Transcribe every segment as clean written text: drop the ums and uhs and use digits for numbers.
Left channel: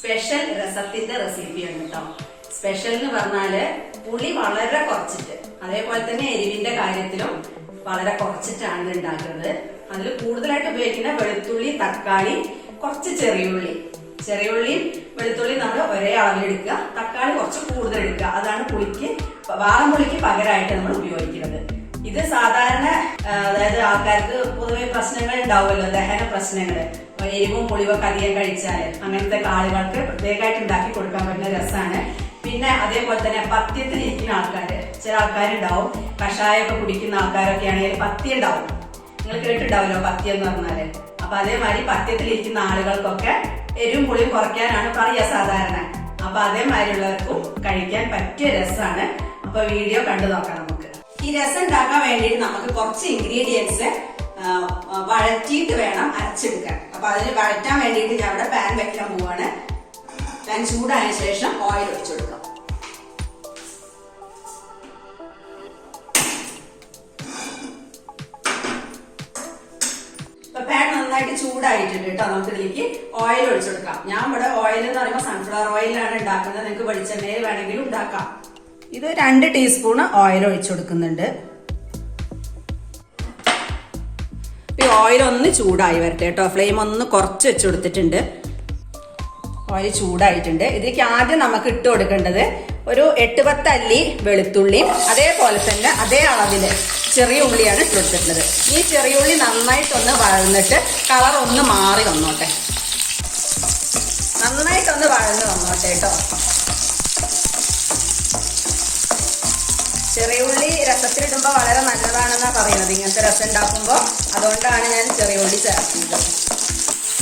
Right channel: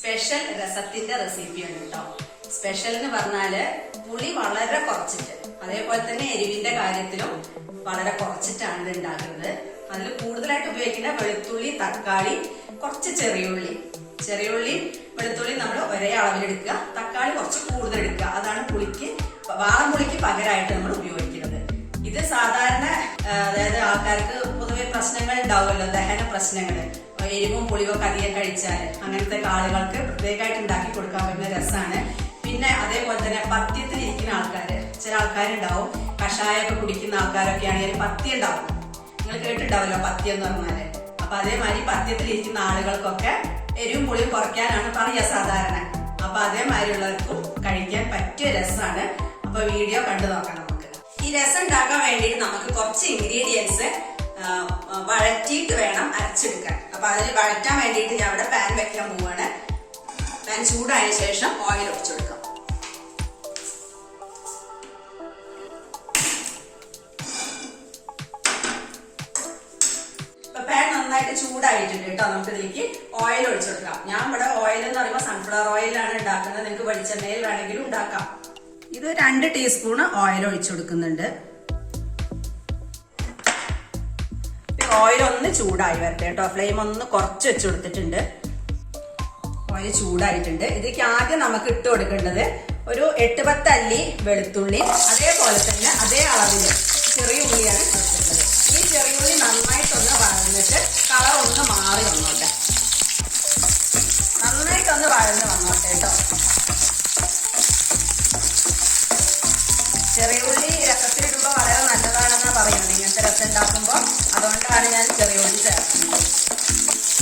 Special രസത്തിന്റെ റെസിപ്പിയാണ് കേട്ടോ. Special എന്ന് പറഞ്ഞാല് പുളി വളരെ കുറച്ചിട്ട്, അതേപോലെ തന്നെ എരിവിന്റെ കാര്യത്തിലും വളരെ കുറച്ചിട്ടാണ് ഉണ്ടാക്കുന്നത്. അതിൽ കൂടുതലായിട്ട് ഉപയോഗിക്കുന്ന വെളുത്തുള്ളി, തക്കാളി, കുറച്ച് ചെറിയുള്ളിയും വെളുത്തുള്ളിയും നമ്മൾ ഒരേ അളവിലെടുക്കുക, തക്കാളി കുറച്ച് കൂടുതൽ എടുക്കുക. അതാണ് വാളംപുളിക്ക് പകരമായിട്ട് നമ്മൾ ഉപയോഗിക്കുന്നത്. ഇത് സാധാരണ അതായത് ആൾക്കാർക്ക് പൊതുവെ പ്രശ്നങ്ങൾ ഉണ്ടാവുമല്ലോ, ദഹന പ്രശ്നങ്ങൾ, എരിവും പുളിവൊക്കെ അധികം കഴിച്ചാൽ അങ്ങനത്തെ ആളുകൾക്ക് പ്രത്യേകമായിട്ട് ഉണ്ടാക്കി കൊടുക്കാൻ പറ്റുന്ന രസമാണ്. പിന്നെ അതേപോലെ തന്നെ പഥ്യത്തിലിരിക്കുന്ന ആൾക്കാര്, ചില ആൾക്കാരുണ്ടാവും കഷായമൊക്കെ കുടിക്കുന്ന ആൾക്കാരൊക്കെ ആണെങ്കിൽ പഥ്യം ഉണ്ടാവും. നിങ്ങൾ കേട്ടിട്ടുണ്ടാവല്ലോ പഥ്യം എന്ന് പറഞ്ഞാല്. അപ്പൊ അതേമാതിരി പഥ്യത്തിലിരിക്കുന്ന ആളുകൾക്കൊക്കെ എരിവും പുളിയും കുറയ്ക്കാനാണ് പറയുക സാധാരണ. അപ്പൊ അതേമാതിരിയുള്ളവർക്കും കഴിക്കാൻ പറ്റിയ രസമാണ്. അപ്പൊ വീഡിയോ കണ്ടു നോക്കാം. നമുക്ക് ഈ രസം ഉണ്ടാക്കാൻ വേണ്ടിയിട്ട് നമുക്ക് കുറച്ച് ഇൻഗ്രീഡിയൻസ് വഴറ്റിയിട്ട് വേണം അരച്ചെടുക്കാൻ. അപ്പൊ അതിൽ വഴറ്റാൻ വേണ്ടിയിട്ട് ഞാൻ ഇവിടെ പാൻ വെക്കാൻ പോവാണ്. പാൻ ചൂടായതിനു ശേഷം ഓയിൽ ഒഴിച്ചു കൊടുക്കാം. ഇപ്പൊ പാൻ നന്നായിട്ട് ചൂടായിട്ടുണ്ട് കേട്ടോ. നമുക്ക് ഇതിലേക്ക് ഓയിൽ ഒഴിച്ചു കൊടുക്കാം. ഞാൻ ഇവിടെ ഓയിൽ എന്ന് പറയുമ്പോൾ സൺഫ്ലവർ ഓയിലാണ് ഉണ്ടാക്കുന്നത്. നിങ്ങൾക്ക് വെളിച്ചെണ്ണയിൽ വേണമെങ്കിലും ഉണ്ടാക്കാം. ഇത് 2 ടീസ്പൂൺ ഓയിൽ ഒഴിച്ചു കൊടുക്കുന്നുണ്ട്. ഓയിൽ ഒന്ന് ചൂടായി വരട്ടെ കേട്ടോ. ഫ്ലെയിം ഒന്ന് കുറച്ച് വെച്ച് കൊടുത്തിട്ടുണ്ട്. ഓയിൽ ചൂടായിട്ടുണ്ട്. ഇതിലേക്ക് ആദ്യം നമുക്ക് ഇട്ട് കൊടുക്കേണ്ടത് ഒരു 8-10 അല്ലി വെളുത്തുള്ളി, അതേപോലെ തന്നെ അതേ അളവില് ചെറിയ ഉള്ളിയാണ് ഇട്ട് കൊടുത്തിട്ടുള്ളത്. ഈ ചെറിയ ഉള്ളി നന്നായിട്ടൊന്ന് വഴന്നിട്ട് കളർ ഒന്ന് മാറി വന്നോട്ടെ. നന്നായിട്ടൊന്ന് വഴന്ന് വന്നോട്ടെ കേട്ടോ. ചെറിയ ഉള്ളി രസത്തിലിടുമ്പോൾ വളരെ നല്ലതാണെന്നാണ് പറയുന്നത് ഇങ്ങനത്തെ രസം ഉണ്ടാക്കുമ്പോൾ. അതുകൊണ്ടാണ് ഞാൻ ചെറിയ ഉള്ളി ചേർക്കുന്നത്.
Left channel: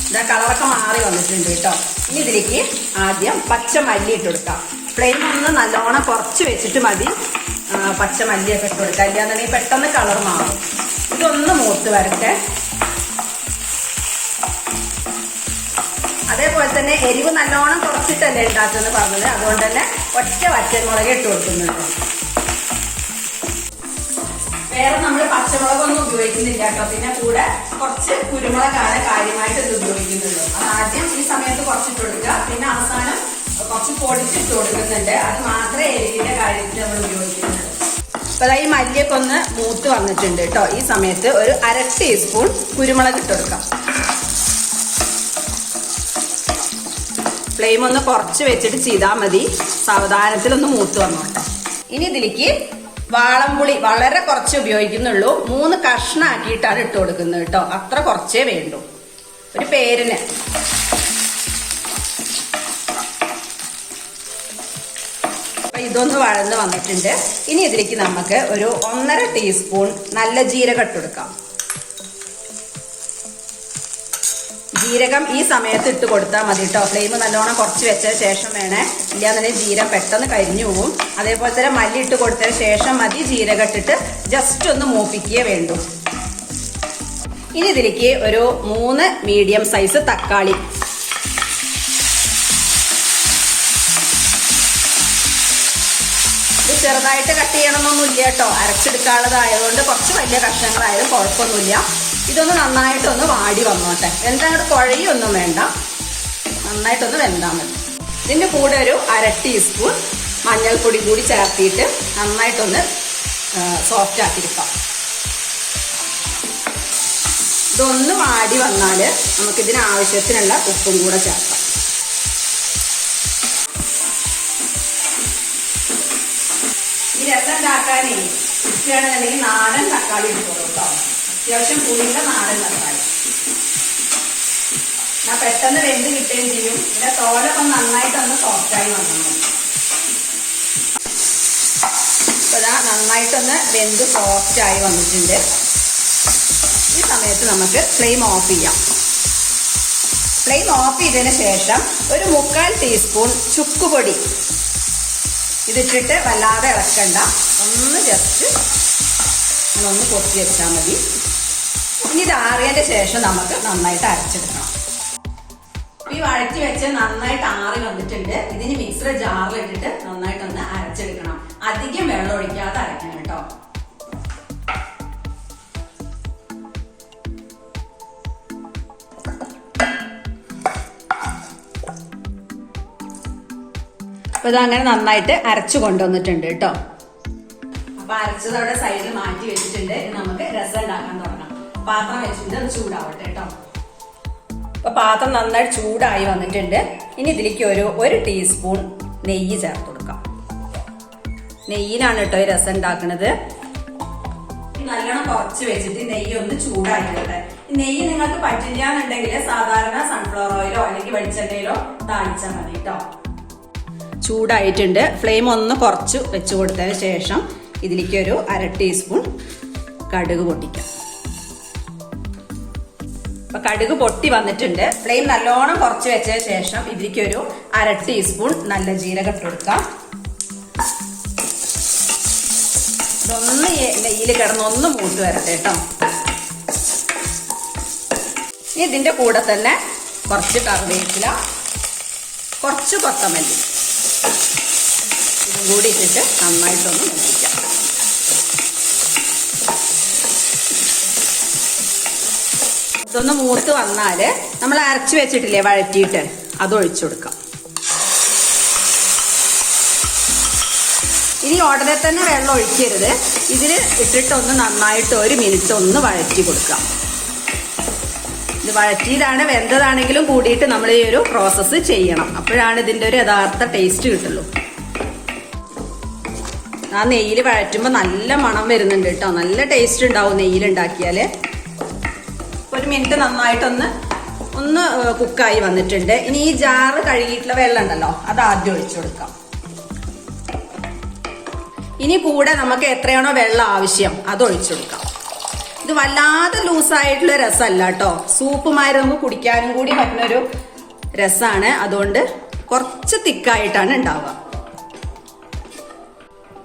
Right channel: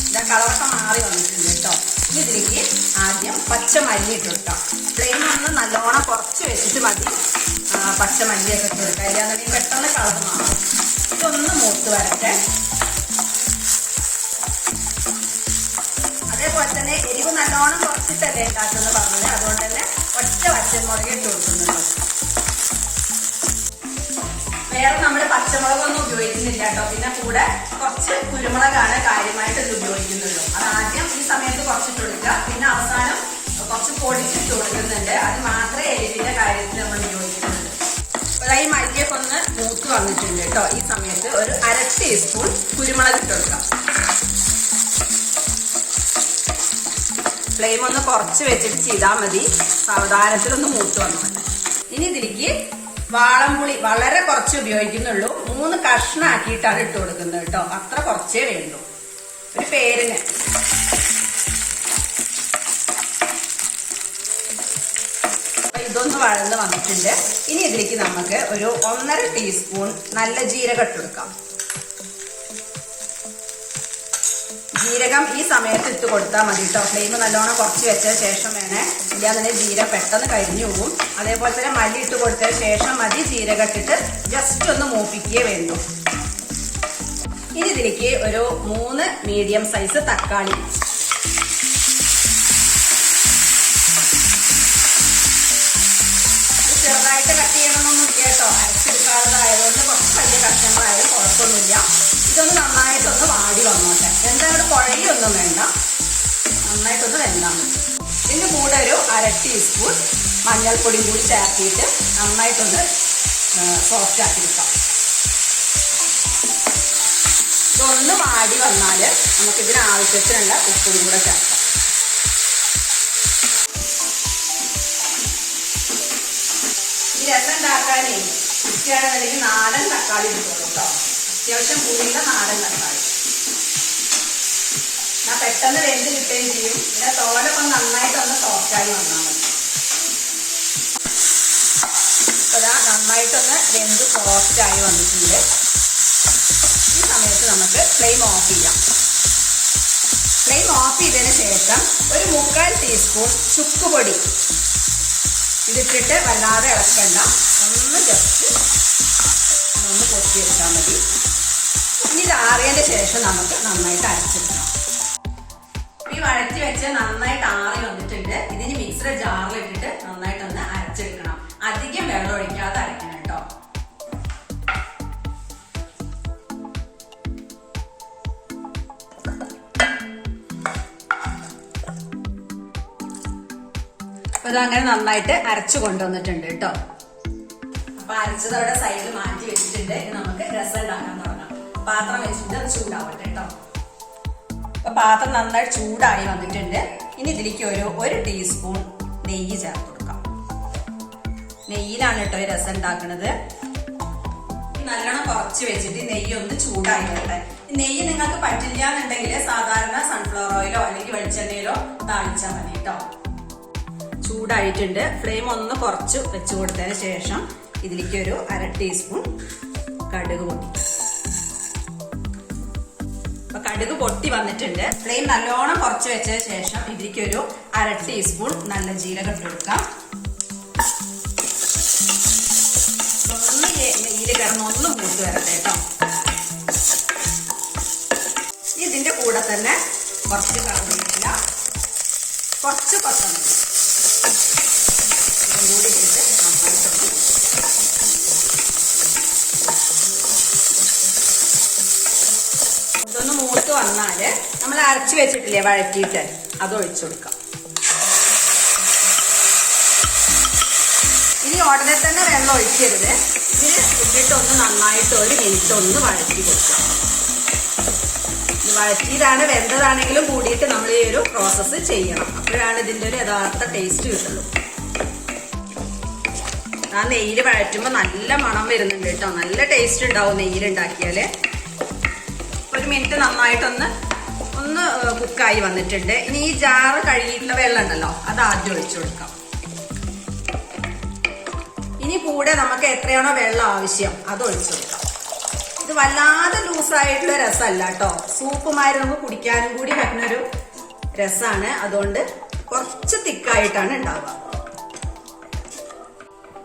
ഇതാ കളറൊക്കെ മാറി വന്നിട്ടുണ്ട് കേട്ടോ. ഇനി ഇതിലേക്ക് ആദ്യം പച്ചമല്ലി ഇട്ട് കൊടുക്കാം. ഫ്ലെയിം ഒന്ന് നല്ലോണം കുറച്ച് വെച്ചിട്ട് മതി പച്ചമല്ലിയൊക്കെ ഇട്ട് കൊടുക്കാം. ഇല്ലാന്നുണ്ടെങ്കിൽ പെട്ടെന്ന് കളർ മാറും. ഇതൊന്ന് മൂത്ത് വരട്ടെ. അതേപോലെ തന്നെ എരിവ് നല്ലോണം കുറച്ചിട്ടല്ലേ ഉണ്ടാക്കുന്നത് പറഞ്ഞത്. അതുകൊണ്ട് തന്നെ ഒറ്റ പച്ചമുളക് ഇട്ട് കൊടുക്കുന്നുണ്ട്. വേറെ നമ്മൾ പച്ചമുളകൊന്നും ഉപയോഗിക്കുന്നില്ല കേട്ടോ. പിന്നെ കൂടെ കുറച്ച് കുരുമുളകാണ് കാര്യമായിട്ട് ഇത് ഉപയോഗിക്കുന്നുള്ളൂ. അത് ആദ്യം ഈ സമയത്ത് കുറച്ചിട്ട് കൊടുക്കുക. പിന്നെ അവസാനം കുറച്ച് പൊടിച്ചിട്ട് കൊടുക്കുന്നുണ്ട്. അത് മാത്രമേ എരിവിന്റെ കാര്യത്തിൽ നമ്മൾ ഉപയോഗിക്കുന്നുള്ളൂ. അപ്പൊ ഈ മല്ലിയൊക്കെ ഒന്ന് മൂത്ത് വന്നിട്ടുണ്ട് കേട്ടോ. ഈ സമയത്ത് ഒരു 1/2 ടീസ്പൂൺ കുരുമുളക് ഇട്ട് കൊടുക്കാം. ഫ്ലെയിം ഒന്ന് കുറച്ച് വെച്ചിട്ട് ചെയ്താൽ മതി. സാവധാനത്തിലൊന്ന് മൂത്ത് വന്നോട്ടെ. ഇനി ഇതിലേക്ക് വാളംപുളി വളരെ കുറച്ച് ഉപയോഗിക്കുന്നുള്ളൂ. 3 കഷ്ണാക്കിയിട്ടാണ് ഇട്ട് കൊടുക്കുന്നത് കേട്ടോ. അത്ര കുറച്ചേ വേണ്ടൂ, ഒരു പേരിന്. ഇതൊന്ന് വഴന്ന് വന്നിട്ടുണ്ട്. ഇനി ഇതിലേക്ക് നമുക്ക് ഒരു 1.5 ടീസ്പൂൺ നല്ല ജീരകം ഇട്ട് കൊടുക്കാം. ജീരകം ഈ സമയത്ത് ഇട്ട് കൊടുത്താൽ മതി കേട്ടോ. ഫ്ലെയിം നല്ലോണം കുറച്ച് വെച്ച ശേഷം വേണേ, ഇല്ലാന്നുണ്ടെങ്കിൽ ജീരകം പെട്ടെന്ന് കരിഞ്ഞു പോകും. അതേപോലെ തന്നെ മല്ലി ഇട്ട് കൊടുത്തതിന് ശേഷം മതി ജീരകം ഇട്ടിട്ട് ജസ്റ്റ് ഒന്ന് മൂപ്പിക്കുകയേ വേണ്ടൂ. ഇനി ഇതിലേക്ക് ഒരു 3 മീഡിയം സൈസ് തക്കാളി, ഇത് ചെറുതായിട്ട് കട്ട് ചെയ്യണമെന്നൊന്നുമില്ല കേട്ടോ. അരച്ചെടുക്കാനുള്ളതായതുകൊണ്ട് കുറച്ച് വലിയ കഷ്ണങ്ങളായാലും കുഴപ്പമൊന്നുമില്ല. ഇതൊന്ന് നന്നായിട്ടൊന്ന് വാടി വന്നോട്ടെ. എന്താ അങ്ങോട്ട് കുഴയൊന്നും വേണ്ട, നന്നായിട്ടൊന്ന് വെന്താൽ മതി. ഇതിൻ്റെ കൂടെ ഒരു 1/2 ടീസ്പൂൺ മഞ്ഞൾപ്പൊടി കൂടി ചേർത്തിട്ട് നന്നായിട്ടൊന്ന് സോഫ്റ്റ് ആക്കിയെടുക്കാം. ഇതൊന്ന് വാടി വന്നാൽ നമുക്കിതിന് ആവശ്യത്തിനുള്ള ഉപ്പും കൂടെ ചേർക്കാം. ഈ രസം ഉണ്ടാക്കാനേ ഇഷ്ടമാണെന്നുണ്ടെങ്കിൽ നാടൻ തക്കാളി ഇട്ടോളൂ കേട്ടോ. അത്യാവശ്യം കൂടിയുള്ള നാടൻ തക്കാളി. ഞാൻ പെട്ടെന്ന് വെന്ത് കിട്ടുകയും ചെയ്യും. പിന്നെ തോലൊക്കെ നന്നായിട്ടൊന്ന് സോഫ്റ്റായി വന്നാൽ മതി. ഇതാ നന്നായിട്ടൊന്ന് വെന്ത് സോഫ്റ്റായി വന്നിട്ടുണ്ട്. ഈ സമയത്ത് നമുക്ക് ഫ്ലെയിം ഓഫ് ചെയ്യാം. ഫ്ലെയിം ഓഫ് ചെയ്തതിന് ശേഷം ഒരു 3/4 ടീസ്പൂൺ ചുക്കുപൊടി ഇതിട്ടിട്ട് വല്ലാതെ ഇളക്കണ്ട. ഒന്ന് ജസ്റ്റ് ഒന്ന് കൊത്തി വെച്ചാൽ മതി. ഇനി ഇത് ആറിയതിന് ശേഷം നമുക്ക് നന്നായിട്ട് അരച്ചെടുക്കണം. ഈ വഴറ്റി വെച്ച് നന്നായിട്ട് ആറി വന്നിട്ടുണ്ട്. ഇതിന് മിക്സർ ജാറിലിട്ടിട്ട് നന്നായിട്ടൊന്ന് അരച്ചെടുക്കണം. അധികം വെള്ളം ഒഴിക്കാതെ അരക്കണം കേട്ടോ. അപ്പൊ ഇതങ്ങനെ നന്നായിട്ട് അരച്ചു കൊണ്ടുവന്നിട്ടുണ്ട് കേട്ടോ. അപ്പൊ അരച്ചത് അവിടെ സൈഡിൽ മാറ്റി വെച്ചിട്ടുണ്ട്. നമുക്ക് രസം ഉണ്ടാക്കാൻ തുടങ്ങാം. പാത്രം വെച്ചിട്ട് അത് ചൂടാവട്ടെ കേട്ടോ. അപ്പൊ പാത്രം നന്നായിട്ട് ചൂടായി വന്നിട്ടുണ്ട്. ഇനി ഇതിലേക്ക് ഒരു ടീസ്പൂൺ നെയ്യ് ചേർത്ത് കൊടുക്കാം. നെയ്യിലാണ് കേട്ടോ ഈ രസം ഉണ്ടാക്കുന്നത്. നല്ലോണം കുറച്ച് വെച്ചിട്ട് നെയ്യ് ഒന്ന് ചൂടായി വരട്ടെ. നെയ്യ് നിങ്ങൾക്ക് പറ്റില്ല എന്നുണ്ടെങ്കിൽ സാധാരണ സൺഫ്ലവർ ഓയിലോ അല്ലെങ്കിൽ വെളിച്ചെണ്ണയിലോ താളിച്ചാൽ മതി കേട്ടോ. ചൂടായിട്ടുണ്ട്. ഫ്ലെയിം ഒന്ന് കുറച്ച് വെച്ച് കൊടുത്തതിന് ശേഷം ഇതിലേക്ക് ഒരു 1/2 ടീസ്പൂൺ കടുക് പൊട്ടിക്കാം. അപ്പൊ കടുക് പൊട്ടി വന്നിട്ടുണ്ട്. ഫ്ലെയിം നല്ലോണം കുറച്ച് വെച്ചതിന് ശേഷം ഇതിലേക്ക് ഒരു 1/2 ടീസ്പൂൺ നല്ല ജീരകം ഇട്ട് കൊടുക്കാം. ഒന്ന് നെയ്യിൽ കിടന്ന് ഒന്ന് മൂത്ത് വരട്ടെ കേട്ടോ. ഇതിന്റെ കൂടെ തന്നെ കുറച്ച് കറിവേപ്പില, കുറച്ച് കൊത്തമല്ലി ഇതും കൂടി ഇട്ടിട്ട് നന്നായിട്ടൊന്ന് മൂപ്പിക്കാം. ഇതൊന്ന് മൂത്ത് വന്നാല് നമ്മൾ അരച്ചു വെച്ചിട്ടില്ലേ വഴറ്റിയിട്ട് അത് ഒഴിച്ചു കൊടുക്കാം. ഇനി ഉടനെ തന്നെ വെള്ളം ഒഴിക്കരുത്. ഇതിൽ ഇട്ടിട്ട് ഒന്ന് നന്നായിട്ട് 1 മിനിറ്റ് ഒന്ന് വഴറ്റി കൊടുക്കാം. ഇത് വഴറ്റിയതാണ് വെന്തതാണെങ്കിലും കൂടിയിട്ട് നമ്മൾ ഈ ഒരു പ്രോസസ്സ് ചെയ്യണം. അപ്പോഴാണ് ഇതിന്റെ ഒരു യഥാർത്ഥ ടേസ്റ്റ് കിട്ടുള്ളൂ. ആ നെയ്യിൽ വഴറ്റുമ്പോൾ നല്ല മണം വരുന്നുണ്ട് കേട്ടോ. നല്ല ടേസ്റ്റ് ഉണ്ടാവും നെയ്യിൽ ഉണ്ടാക്കിയാല്. 1 മിനിറ്റ് നന്നായിട്ടൊന്ന് കുക്കായി വന്നിട്ടുണ്ട്. ഇനി ഈ ജാറ് കഴുകിയിട്ടുള്ള വെള്ളം ഉണ്ടല്ലോ അത് ആദ്യം ഒഴിച്ചു കൊടുക്കാം. ഇനി കൂടെ നമുക്ക് എത്രയാണോ വെള്ളം ആവശ്യം അത് ഒഴിച്ചു കൊടുക്കാം. ഇത് വല്ലാതെ ലൂസായിട്ടുള്ള രസമല്ല കേട്ടോ. സൂപ്പുമാരി നമുക്ക് കുടിക്കാനും കൂടി പറ്റുന്നൊരു രസമാണ്. അതുകൊണ്ട് കുറച്ച് തിക്കായിട്ടാണ് ഉണ്ടാവുക.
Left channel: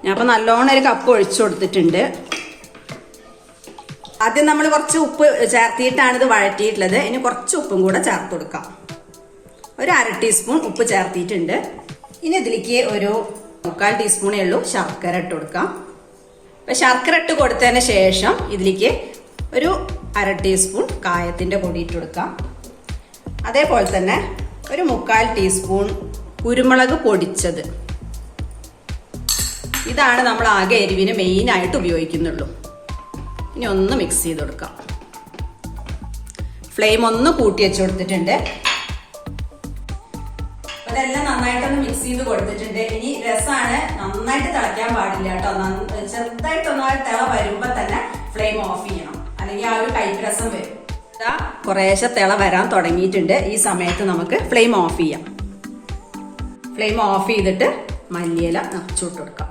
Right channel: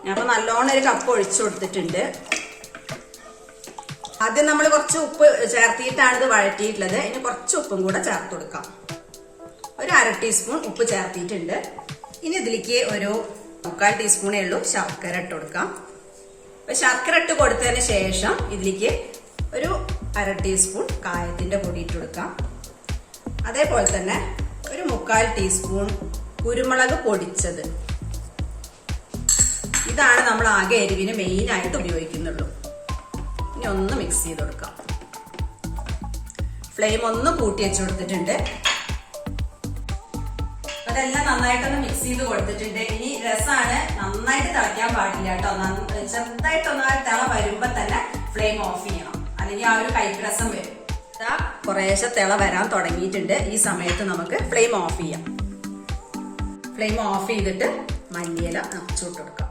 ഞാൻ അപ്പൊ നല്ലോണം 1 കപ്പ് ഒഴിച്ചു കൊടുത്തിട്ടുണ്ട്. ആദ്യം നമ്മൾ കുറച്ച് ഉപ്പ് ചേർത്തിയിട്ടാണ് ഇത് വഴറ്റിയിട്ടുള്ളത്. ഇനി കുറച്ച് ഉപ്പും കൂടെ ചേർത്ത് കൊടുക്കാം. ഒരു 1/2 ടീസ്പൂൺ ഉപ്പ് ചേർത്തിയിട്ടുണ്ട്. ഇനി ഇതിലേക്ക് ഒരു 3/4 ടീസ്പൂണേ ഉള്ളൂ ശർക്കര ഇട്ട് കൊടുക്കാം. അപ്പൊ ശർക്കര ഇട്ട് കൊടുത്തതിന് ശേഷം ഇതിലേക്ക് ഒരു 1/2 ടീസ്പൂൺ കായത്തിന്റെ പൊടി ഇട്ട് കൊടുക്കാം. അതേപോലെ തന്നെ ഒരു 3/4 ടീസ്പൂൺ കുരുമുളക് പൊടിച്ചത്. ഇതാണ് നമ്മൾ ആകെ എരിവിന് മെയിൻ ആയിട്ട് ഉപയോഗിക്കുന്നുള്ളൂ. ഇനി ഒന്ന് മിക്സ് ചെയ്ത് കൊടുക്കാം. ഫ്ലെയിം ഒന്ന് കൂട്ടി വെച്ച് കൊടുത്തിട്ടുണ്ട്. അതെല്ലാം നന്നായിട്ടൊന്ന് മിക്സ് ചെയ്ത് കൊടുത്തിട്ടുണ്ട്. ഇനി രസമാണ്, നന്നായിട്ട് തിളയ്ക്കാൻ പാടില്ല കേട്ടോ. ചെറുതായിട്ടൊന്ന് തിള വരുമ്പോ തന്നെ ഫ്ലെയിം ഓഫ് ചെയ്യണം, അല്ലെങ്കിൽ ആ ഒരു കയ്പ്പ് രസം വരും. കുറേശ്ശെ തിള വരാൻ തുടങ്ങിയിട്ടുണ്ട്. ഈ സമയത്ത് നമുക്ക് ഫ്ലെയിം ഓഫ് ചെയ്യാം. ഫ്ലെയിം ഓഫ് ചെയ്തിട്ട് മല്ലിയില നിറച്ചിട്ട് കൊടുക്കാം.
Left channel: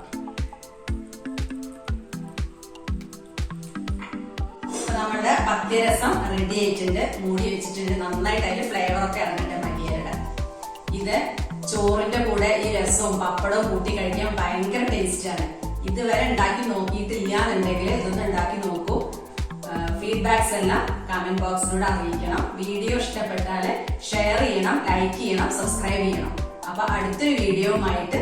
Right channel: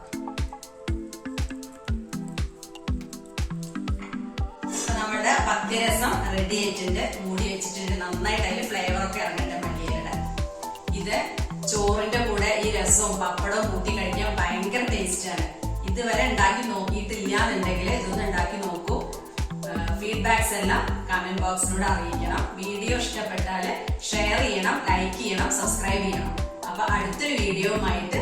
നമ്മുടെ പത്തിരസം റെഡി ആയിട്ടുണ്ട്. മൂടി വെച്ചിട്ടുണ്ട്. നന്നായിട്ട് അതിൽ ഫ്ലേവർ ഒക്കെ ഇറങ്ങുന്നുണ്ട് മല്ലിയിലയുടെ. ഇത് ചോറിന്റെ കൂടെ ഈ രസവും പപ്പടവും കൂട്ടി കഴിക്കാൻ ഭയങ്കര ടേസ്റ്റ് ആണ്. ഇതുവരെ ഉണ്ടാക്കി നോക്കിയിട്ടില്ല എന്നുണ്ടെങ്കിൽ ഇതൊന്ന് ഉണ്ടാക്കി നോക്കൂ. ഫീഡ്ബാക്സ് എല്ലാം കമന്റ് ബോക്സിലൂടെ അറിയിക്കണം. വീഡിയോ ഇഷ്ടപ്പെട്ടാൽ ഷെയർ ചെയ്യണം, ലൈക്ക് ചെയ്യണം, സബ്സ്ക്രൈബ് ചെയ്യണം. അപ്പൊ അടുത്തൊരു വീഡിയോയുമായിട്ട്